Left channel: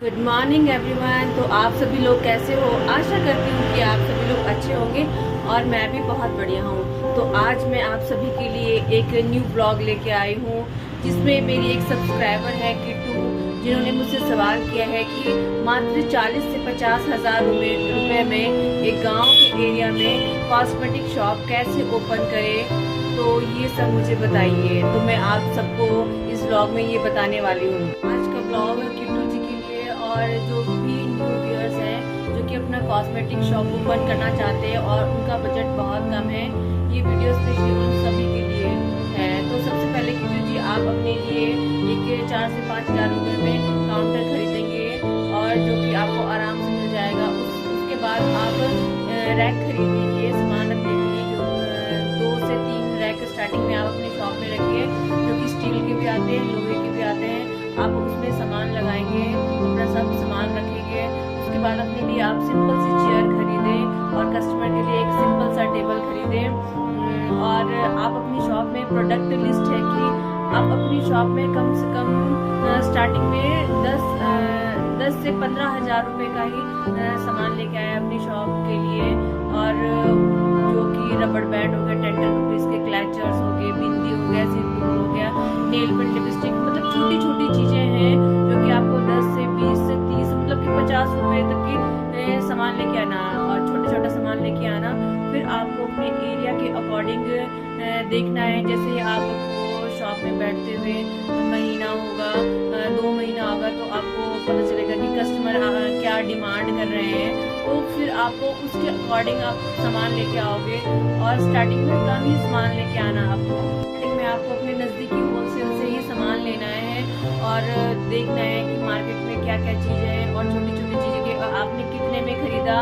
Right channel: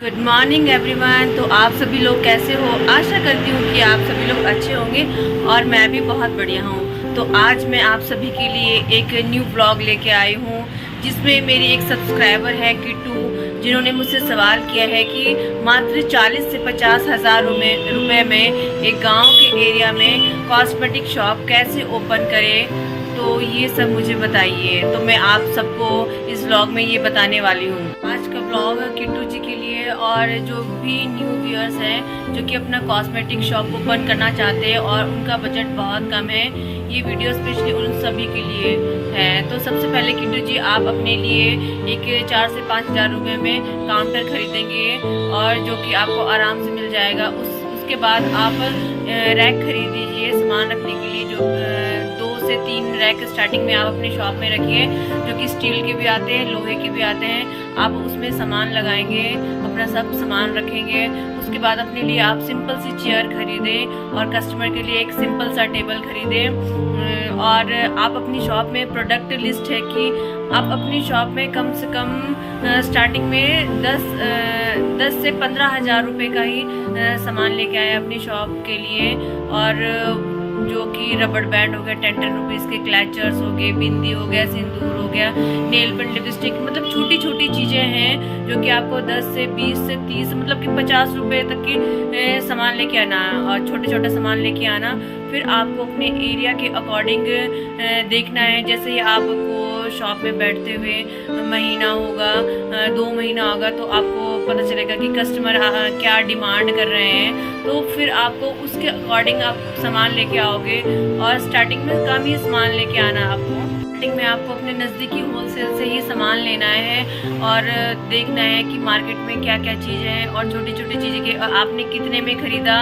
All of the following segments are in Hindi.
Good morning everyone. तो आप सभी लोग कैसे हो? आशा करती हूँ कि आप सभी लोग अच्छे होंगे और मैं भी बहुत बढ़िया हूँ। तो आज मैं आप सभी के लिए एक न्यू ब्लॉग लेके आई हूँ जिसमें मेरी एक सब्सक्राइबर है किट्टू, जिन्होंने मुझसे सवाल किया है कि मात्र 40 से 50 हज़ार रुपये में एक गांव के एरिया में कॉस्मेटिक शॉप कैसे ओपन करें। तो ये सब मुझे बताइए। तो मैं आप सबको इस व्लॉग में ये बताने वाली हूँ। आज का व्लॉग किट्टू जी के लिए और जो भी न्यू व्यूअर्स हैं जो कि अपना कॉस्मेटिक शॉप ओपन करना चाहते हैं और उनका बजट बहुत कम है, ये वीडियो स्पेशली उन सभी के लिए है। तो सबसे पहले किट्टू जी आप अपने लिए एक 4 से 5 हज़ार रुपये में काउंटर खरीदेंगे और जो कि आपको आराम से मिल जाएगा। उसके बाद आप रैक खरीद लीजिए सामान रखने के लिए। जो 2 से 3 रैक स्टार्टिंग में आप अपने शॉप में रखिए, जो कि स्टील के भी आते हैं, लोहे के भी आते हैं। आप उसमें सामान लगाएंगे, अपना सब सामान रखेंगे। उसके बाद अपने लिए आप सिंपल सी चेयर खरीदें और कस्टमर के लिए एक सिंपल सा टेबल खरीदें। और आप अपनी शॉप में प्रोडक्ट लिस्ट है कि आप अपनी शॉप में कम से कम स्टार्टिंग में 10 से 15 हज़ार रुपये का ही सामान लेके आए अपनी शॉप के लिए। और जो कि रबड़ बैंड हो गया 10 रुपीज़ के, क्लैचर्स हो गए, बिंदी हो गया, सिंदूर हो गया, नेल पेंट, लिपस्टिक, मतलब छोटी छोटी चीज़ें हैं जो कि आपको 10 से 20 से 30 मतलब कि 50 रुपये तक की सामान लेके आना और छोटे छोटे सामान लेके आना। फिर आपको अपने एरिया के अकॉर्डिंग देखना है। जैसे ही आपको शॉप में बैठते हुए महीना होगा, 2 महीना होगा, तो आपको पता चलेगा कि कस्टमर क्या डिमांड कर रहे हैं। तो फिर आपको उसके अकॉर्डिंग आप सामान लेके आओगे और स्टार्टिंग में कम ही सामान लेके आना। आपको स्टार्टिंग में आपको अपने नज़दीकी होलसेल से ही सामान लेना है और देखना है कि मार्केट में क्या क्या चीज़ें हैं और छोटी छोटी चीज़ें के आपने कितने में ख़रीदा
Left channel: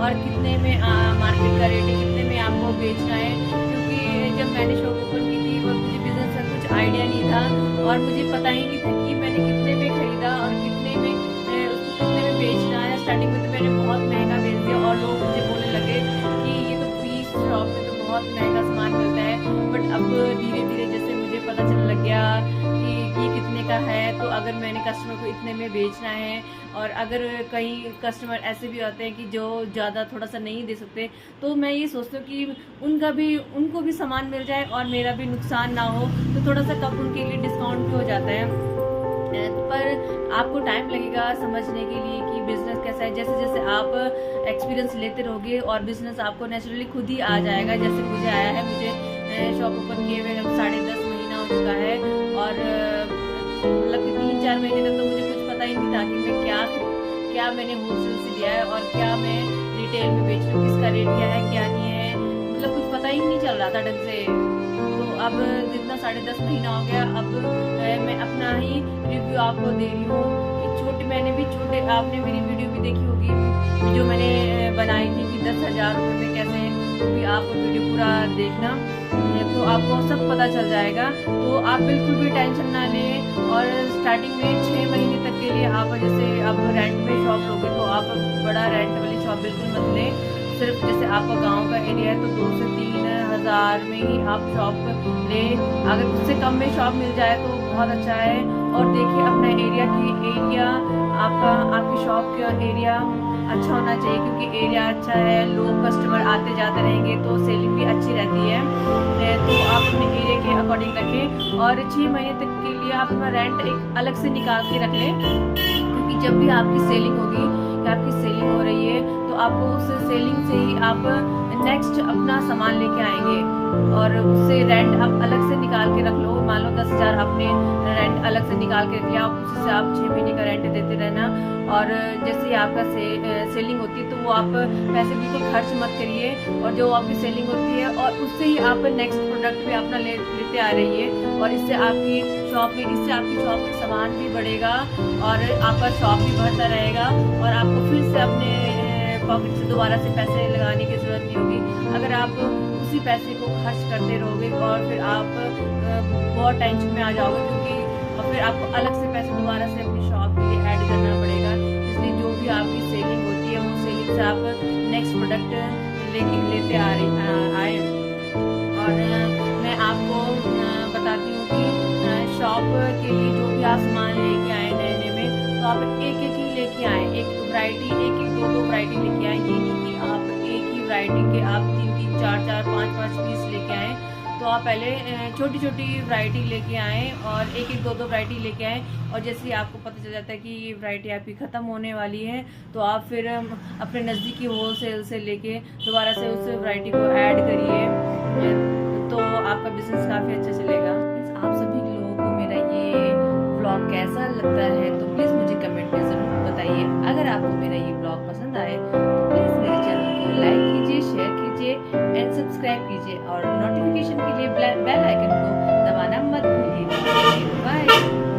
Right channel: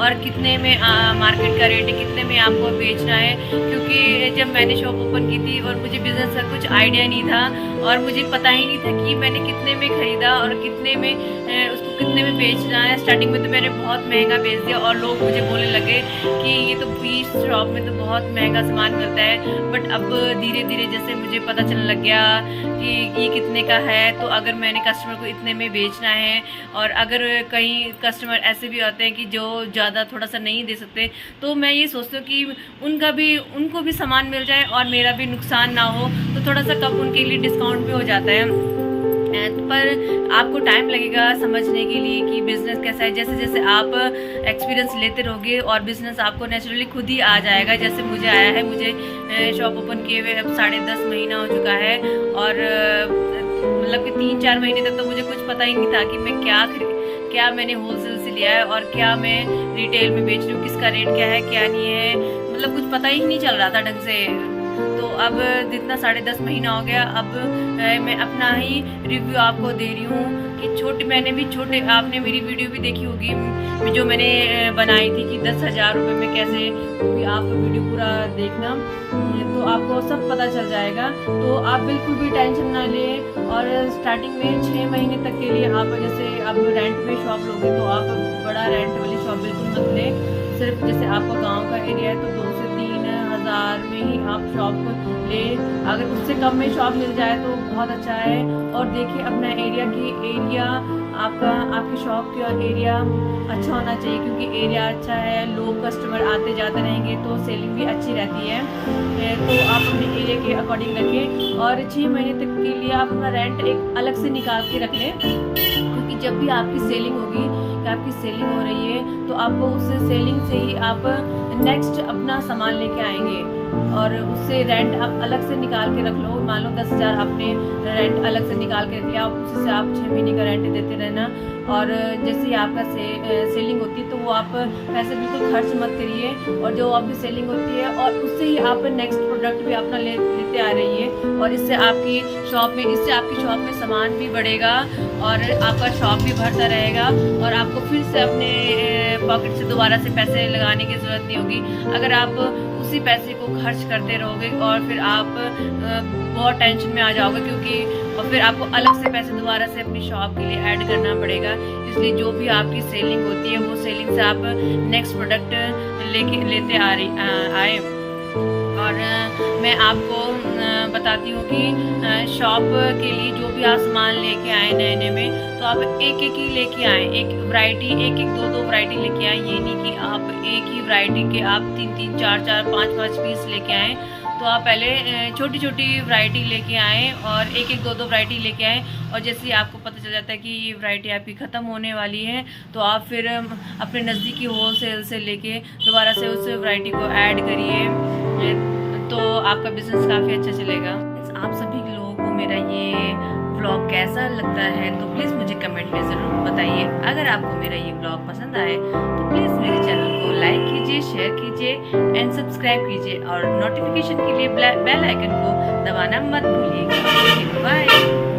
और कितने में मार्केट का रेट है, कितने में आपको बेचना है। क्योंकि जब मैंने शॉप ओपन की थी और मुझे बिज़नेस का कुछ आइडिया नहीं था और मुझे पता ही नहीं था कि मैंने कितने में ख़रीदा और कितने में उसको कितने में बेचना है। स्टार्टिंग में तो मैंने बहुत महंगा बेच दिया और लोग मुझे बोलने लगे कि ये तो इस शॉप में तो बहुत महंगा सामान मिलता है। बट अब धीरे धीरे जैसे मुझे पता चलने लग गया कि ये कितने का है, तो अगर मैंने कस्टमर को इतने में बेचना है और अगर कई कस्टमर ऐसे भी होते हैं कि जो ज़्यादा थोड़ा सा नहीं दे सकते, तो मैं ये सोचती हूँ कि उनको भी सामान मिल जाए और मेरा भी नुकसान ना हो, तो थोड़ा सा कम उनके लिए डिस्काउंट भी हो जाता है। पर आपको टाइम लगेगा समझने के लिए कि बिज़नेस कैसा है। जैसे जैसे आप एक्सपीरियंस लेते रहोगे और बिज़नेस आपको नेचुरली खुद ही आ जाएगा, जैसे मुझे आया है। मुझे शॉप ओपन किए हुए अब 10.5 महीना हो चुका है और मतलब कि 3-4 महीने तक तो मुझे कुछ पता ही नहीं था कि मैं क्या मैंने होलसेल से लिया है और क्या मैं रिटेल में बेच रही हूँ, किसका रेट क्या है क्या नहीं है, मतलब कुछ पता ही नहीं चल रहा था ढंग से। तो अब जितना 10.5 महीना हो गया, अब मैं अपना ही रिव्यू आपको दे रही हूँ कि मैंने भी छोटे, आपने मेरी वीडियो भी देखी होगी जो मैंने बनाई थी कि 10 हज़ार रुपये में कैसे, वो भी आप वीडियो पूरा देखना तो आपको सब पता चल जाएगा। तो आप बिल्कुल भी टेंशन ना लें। और स्टार्टिंग में 6 महीने तक के लिए आप जैसे आप रेंट में शॉप लोगे तो आप बड़ा रेंट वाली शॉप बिल्कुल मत लें। सिर्फ जैसे आपका गांव का एरिया है तो 2 से 3 हज़ार में ही आप शॉप ले। अगर उससे कम में शॉप मिल जाए तो बहुत अच्छा है। और देखिए अपना एरिया आपकी शॉप का एरिया अच्छा होना चाहिए, क्योंकि एरिया अच्छा है, लोग कस्टमर आते जाते रहेंगे तो सेलिंग भी अच्छी रहती है। तो आप अपने एरिया के अकॉर्डिंग रखें और 6 महीने तक के लिए आप अपना रेंट एक अलग से निकाल के रख लें। क्योंकि जब भी आपकी सेलिंग होगी कि आपकी सेलिंग हो रही है तो आपको उस सेलिंग से ही आप नेक्स्ट अपना सामान लेके आएंगे और उससे रेंट आप अलग से निकाल के रख लो। मान लो 10 हज़ार आपने रेंट अलग से निकाल के रख लिया, उसी से आप 6 महीने का रेंट देते रहना। और जैसे ही आपका सेलिंग होती है तो वो आप पैसे बिल्कुल खर्च मत करिए और जो आपकी सेलिंग होती है और उससे ही आप नेक्स्ट प्रोडक्ट भी अपना लेते आ रही है। और इससे आपकी शॉप में सामान भी बढ़ेगा और आपका शॉप भी बढ़ता रहेगा और आपको फिर से अपने पॉकेट से दोबारा से पैसे लगाने की ज़रूरत नहीं होगी। अगर आप उसी पैसे को खर्च करते रहोगे और फिर आप बहुत टेंशन में आ जाओगे, क्योंकि और फिर आपको अलग से पैसे दोबारा से अपनी शॉप के लिए ऐड करना पड़ेगा। इसलिए जो भी आपकी सेलिंग होती है वो सेलिंग से आप नेक्स्ट प्रोडक्ट लेते आए। और मैं आपको बताती हूँ कि शॉप के लिए जो भी आप सामान लेके आए नए नए में, तो आप एक एक ही लेके आए, एक वैरायटी, एक एक दो दो वैरायटी लेके आए। ये नहीं कि आप एक ही वैरायटी के आप 3-3 4-4 5-5 पीस लेके आए। तो आप पहले छोटी छोटी वैरायटी लेके आएँ और एक एक दो दो वैरायटी लेके आएँ। और जैसे ही आपको पता चल जाता है कि ये वैरायटी आपकी ख़त्म होने वाली है, तो आप फिर अपने नज़दीकी होलसेल से लेके दोबारा से उस वैरायटी को ऐड करिए, तो आपका बिज़नेस काफ़ी अच्छा चलेगा। आप सभी लोगों को मेरा ये व्लॉग कैसा लगता है तो प्लीज़ मुझे कमेंट में ज़रूर बताइए। अगर आपको मेरा ये व्लॉग पसंद आए तो प्लीज़ मेरे चैनल को लाइक कीजिए, शेयर कीजिए एंड सब्सक्राइब कीजिए, और नोटिफिकेशन के लिए बेल आइकन को दबाना मत भूलिएगा। बाय।